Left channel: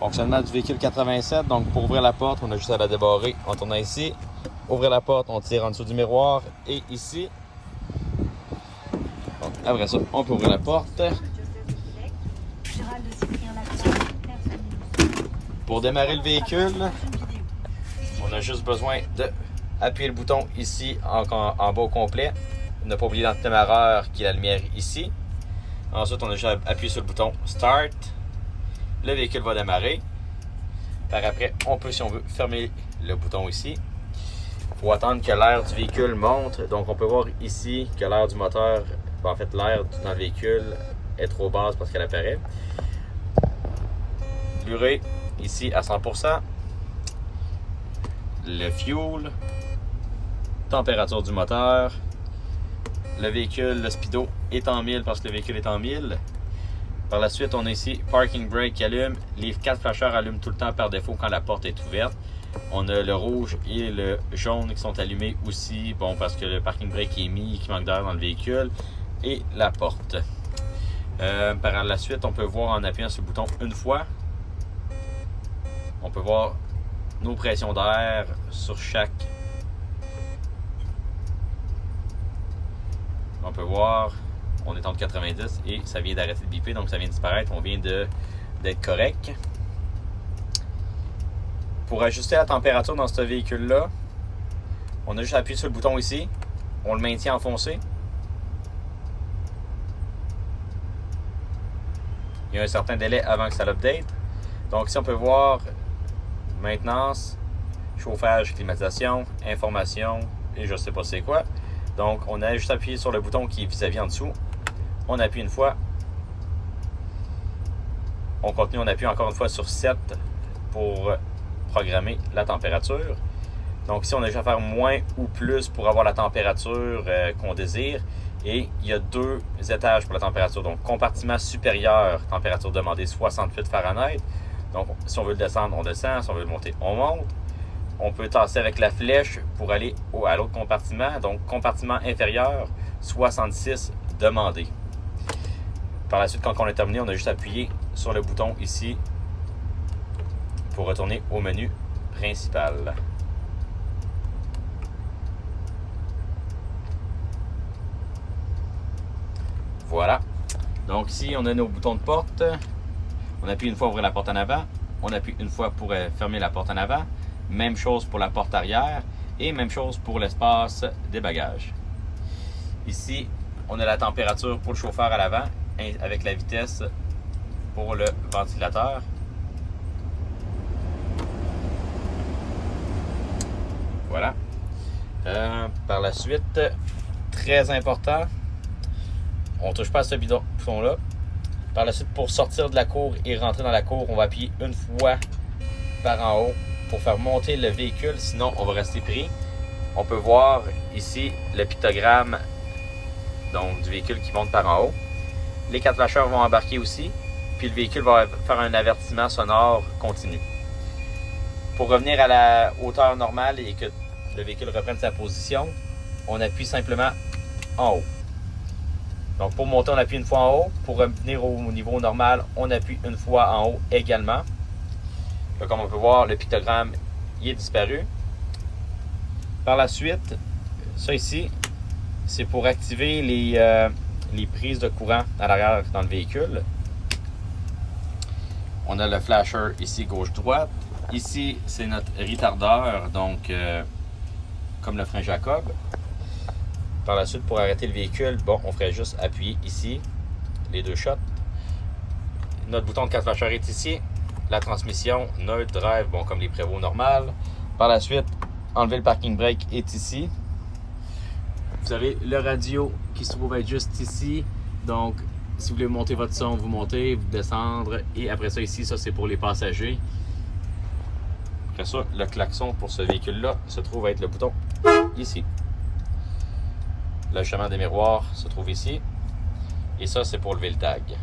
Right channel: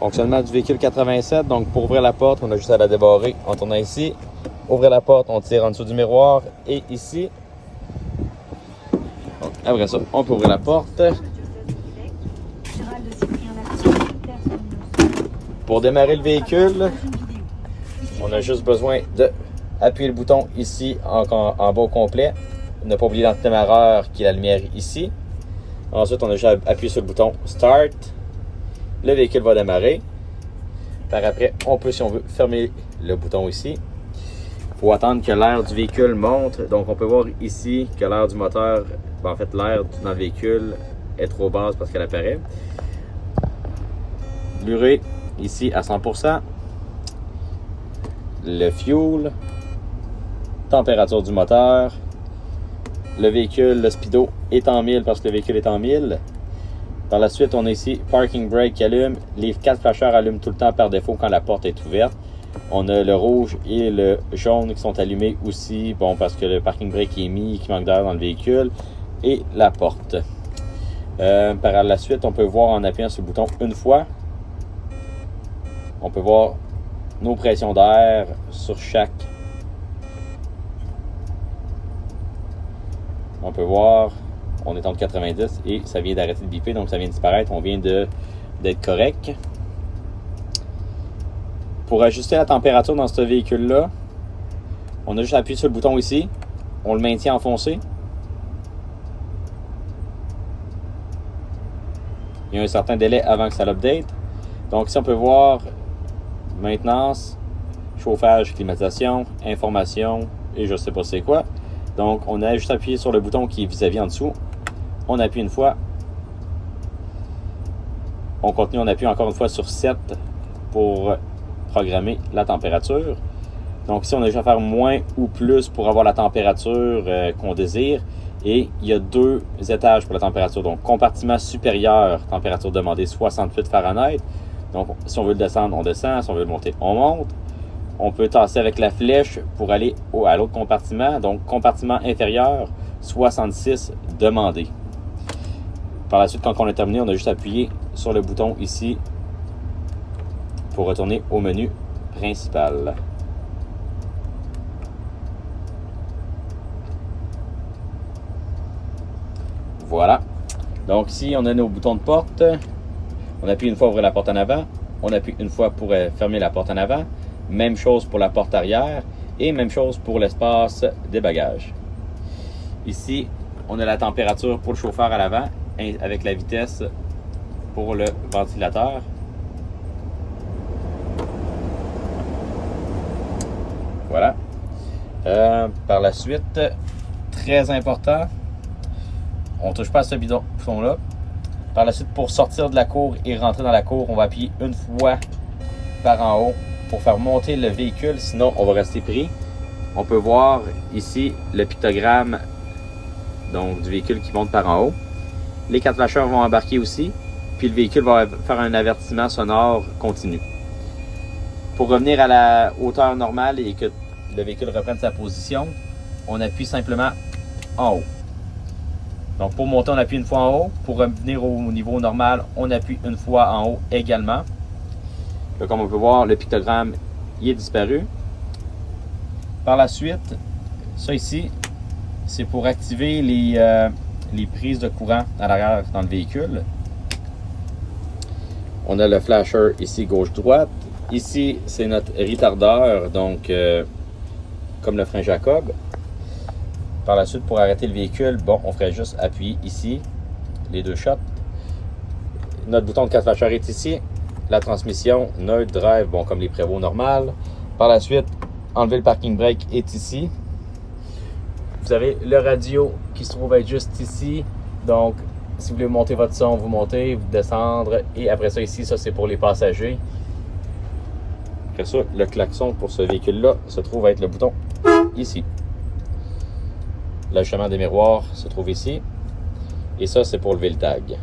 Fonctionnement du véhicule 87, donc pour ouvrir la porte, on a juste à la débarrer en tournant ici. Ouvrir la porte, on tire en dessous du miroir et ici. Donc, après ça, on peut ouvrir la porte. Pour démarrer le véhicule, on a juste besoin d'appuyer le bouton ici en bas au complet. Ne pas oublier l'antidémarreur qui est la lumière ici. Ensuite, on a juste à appuyer sur le bouton Start. Le véhicule va démarrer. Par après, on peut, si on veut, fermer le bouton ici. Il faut attendre que l'air du véhicule monte. Donc, on peut voir ici que l'air du moteur, en fait, l'air dans le véhicule est trop basse parce qu'elle apparaît. L'urée ici à 100%. Le fuel. Température du moteur. Le véhicule, le speedo est en 1000 parce que le véhicule est en 1000. Par la suite, on a ici Parking Brake qui allume. Les 4 flasheurs allument tout le temps par défaut quand la porte est ouverte. On a le rouge et le jaune qui sont allumés aussi, bon, parce que le Parking Brake est mis, qu'il manque d'air dans le véhicule. Et la porte. Par la suite, on peut voir en appuyant sur le bouton une fois. On peut voir nos pressions d'air sur chaque. On peut voir, on est entre 90 et ça vient d'arrêter de biper, donc ça vient de disparaître. On vient d'être correct. Pour ajuster la température dans ce véhicule-là, on a juste appuyé sur le bouton ici. On le maintient enfoncé. Il y a un certain délai avant que ça l'update. Donc ici, on peut voir maintenance, chauffage, climatisation, information et je ne sais pas c'est quoi. Donc, on a juste appuyé sur le bouton qui est vis-à-vis en dessous. On appuie une fois. On continue, on appuie encore une fois sur 7 pour programmer la température. Donc, ici, on a juste à faire moins ou plus pour avoir la température qu'on désire. Et il y a 2 étages pour la température. Donc, compartiment supérieur, température demandée 68 Fahrenheit. Donc, si on veut le descendre, on descend. Si on veut le monter, on monte. On peut tasser avec la flèche pour aller à l'autre compartiment. Donc, compartiment inférieur, 66 demandé. Par la suite, quand on est terminé, on a juste appuyé sur le bouton ici pour retourner au menu principal. Voilà. Donc, ici, on a nos boutons de porte. On appuie une fois pour ouvrir la porte en avant. On appuie une fois pour fermer la porte en avant. Même chose pour la porte arrière et même chose pour l'espace des bagages. Ici, on a la température pour le chauffeur à l'avant avec la vitesse pour le ventilateur. Voilà. Par la suite, très important, on ne touche pas à ce bouton-là. Par la suite, pour sortir de la cour et rentrer dans la cour, on va appuyer une fois par en haut pour faire monter le véhicule, sinon on va rester pris. On peut voir ici le pictogramme donc, du véhicule qui monte par en haut. Les 4 flasheurs vont embarquer aussi, puis le véhicule va faire un avertissement sonore continu. Pour revenir à la hauteur normale et que le véhicule reprenne sa position, on appuie simplement en haut. Donc pour monter, on appuie une fois en haut. Pour revenir au niveau normal, on appuie une fois en haut également. Là, comme on peut voir, le pictogramme il est disparu. Par la suite, ça ici, c'est pour activer les prises de courant à l'arrière dans le véhicule. On a le flasher ici gauche-droite. Ici, c'est notre retardeur, donc comme le frein Jacob. Par la suite, pour arrêter le véhicule, bon, on ferait juste appuyer ici, les 2 shots. Notre bouton de 4 flashers est ici. La transmission neutre drive, bon, comme les prévots normales. Par la suite, enlever le parking brake est ici. Vous avez le radio qui se trouve être juste ici. Donc, si vous voulez monter votre son, vous montez, vous descendre. Et après ça, ici, ça c'est pour les passagers. Après ça, le klaxon pour ce véhicule-là se trouve être le bouton ici. L'ajustement des miroirs se trouve ici. Et ça, c'est pour lever le tag.